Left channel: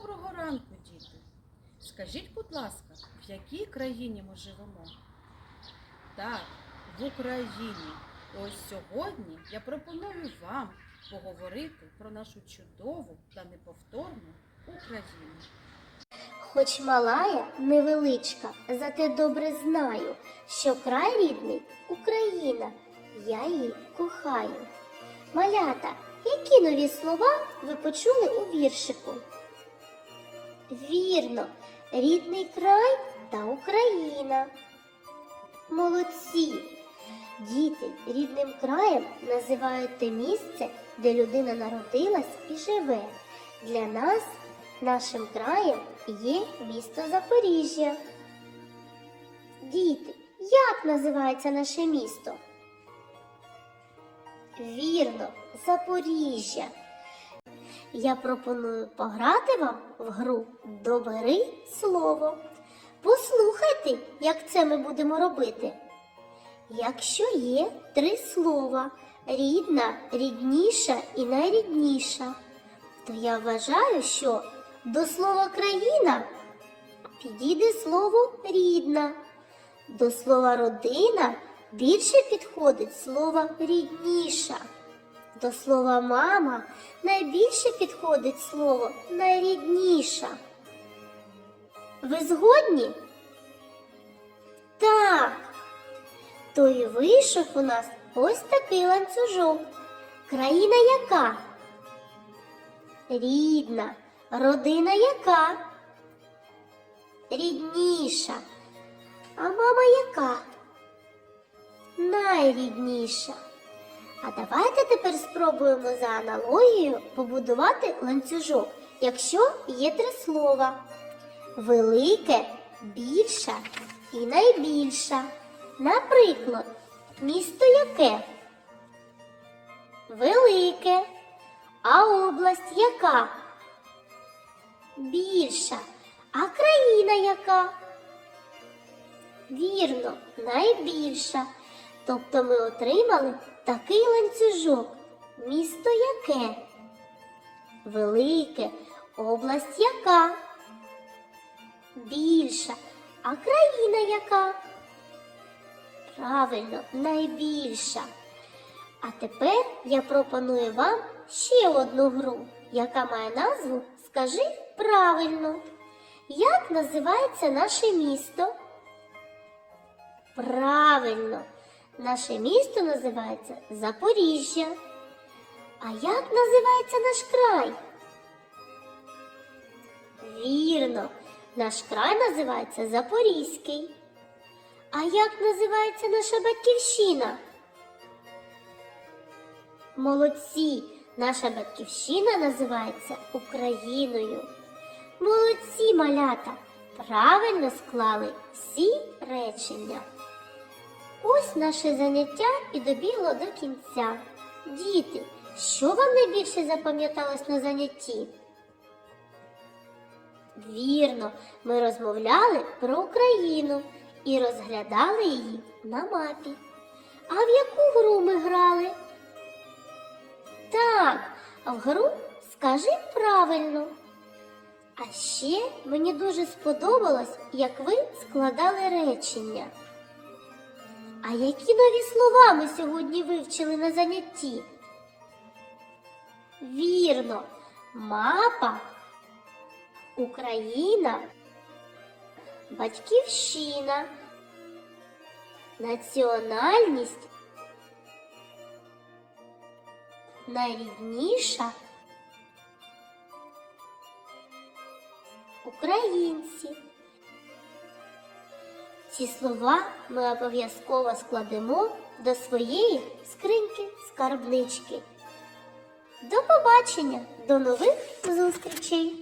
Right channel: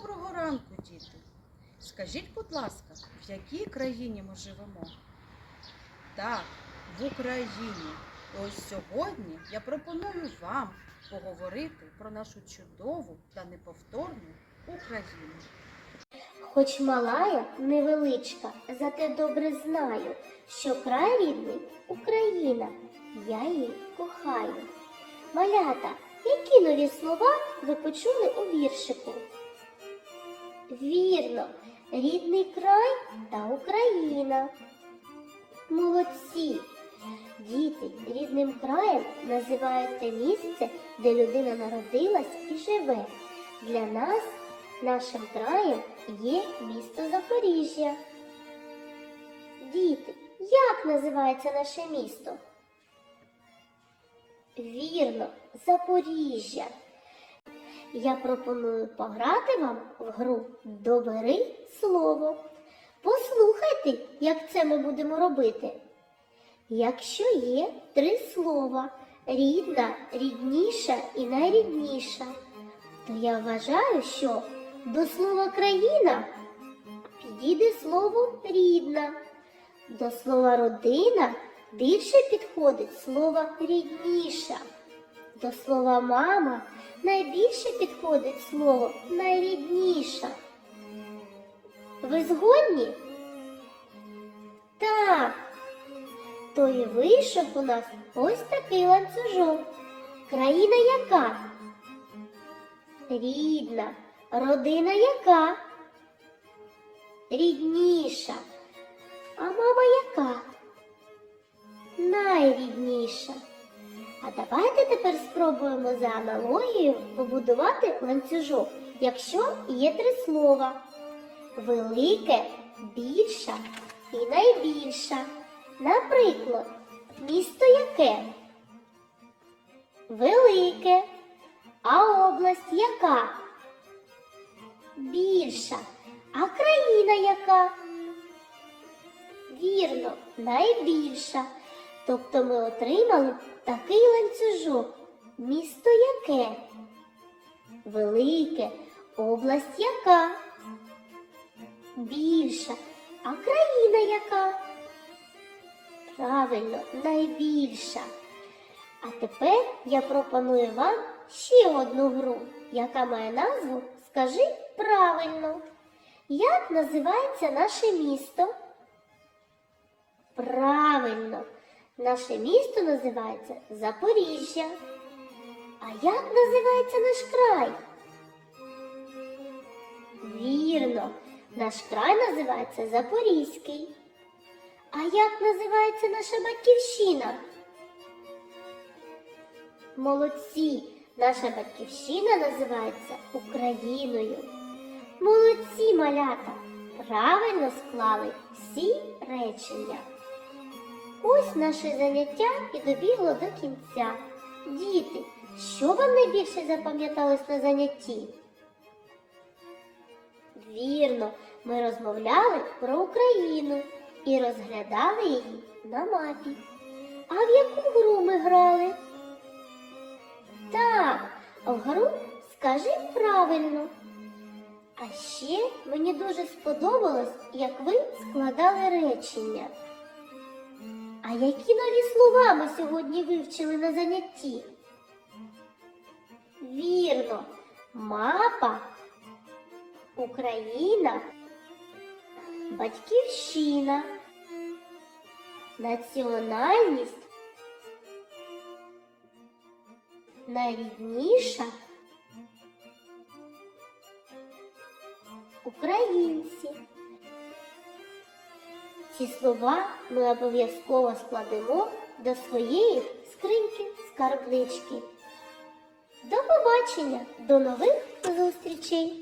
Доброго ранку, діти! Скажіть, будь ласка, в якій країні ми живемо? Так, в Україні. І ось сьогодні я пропоную вам поговорити про нашу чудову та неповторну Україну. Хоч мала я невеличка, зате добре знаю, що край рідний Україна. Я її кохаю. Малята, які нові слова ви почули у віршику? Вірно, рідний край та Україна. Молодці! Діти рідним краєм називають те місце, де людина народилась і живе. Для нас нашим краєм є місто Запоріжжя. Діти, як називається наше місто? Вірно, Запоріжжя. Я пропоную пограти вам в гру Добери слово. Послухайте, як це ми будемо робити. Якщо є три слова рідна, рідніша і найрідніша, то я вважаю, що до слова країна підійде слово рідна, до слова родина більше підходить слово рідніша, до слова мама найбільше підходить слово найрідніша. Ви згодні? Так. То і вийшов у нас ось такий ланцюжок. Країна яка? Рідна. Родина яка? Рідніша. А мама яка? Найрідніша. А давайте тепер спробуємо за аналогією побудувати ланцюжок, якщо є три слова. Велике, більша і найбільша. Наприклад, місто яке? Велике. А область яка? Більша. А країна яка? Вірно, найбільша. Тобто ми отримали такий ланцюжок. Місто яке? Велике. Область яка? Більша. А країна яка? Правильно, найбільша. А тепер я пропоную вам ще одну гру, яка має назву Скажи правильно. Як називається наше місто? Правильно, наше місто називається Запоріжжя. А як називається наш край? Вірно, наш край називається Запорізький. А як називається наша батьківщина? Молодці! Наша батьківщина називається Україною. Молодці малята! Правильно склали всі речення. Ось наше заняття і добігло до кінця. Діти, що вам найбільше запам'яталось на занятті? Вірно, ми розмовляли про Україну і розглядали її на мапі. А в яку гру ми грали? Так, в гру скажи правильно. А ще мені дуже сподобалось, як ви складали речення. А які нові слова ми сьогодні вивчили на занятті? Вірно, мапа, Україна, батьківщина, національність, найрідніша, українці. Ці слова ми обов'язково складемо до своєї скриньки скарбнички. До побачення, до нових зустрічей!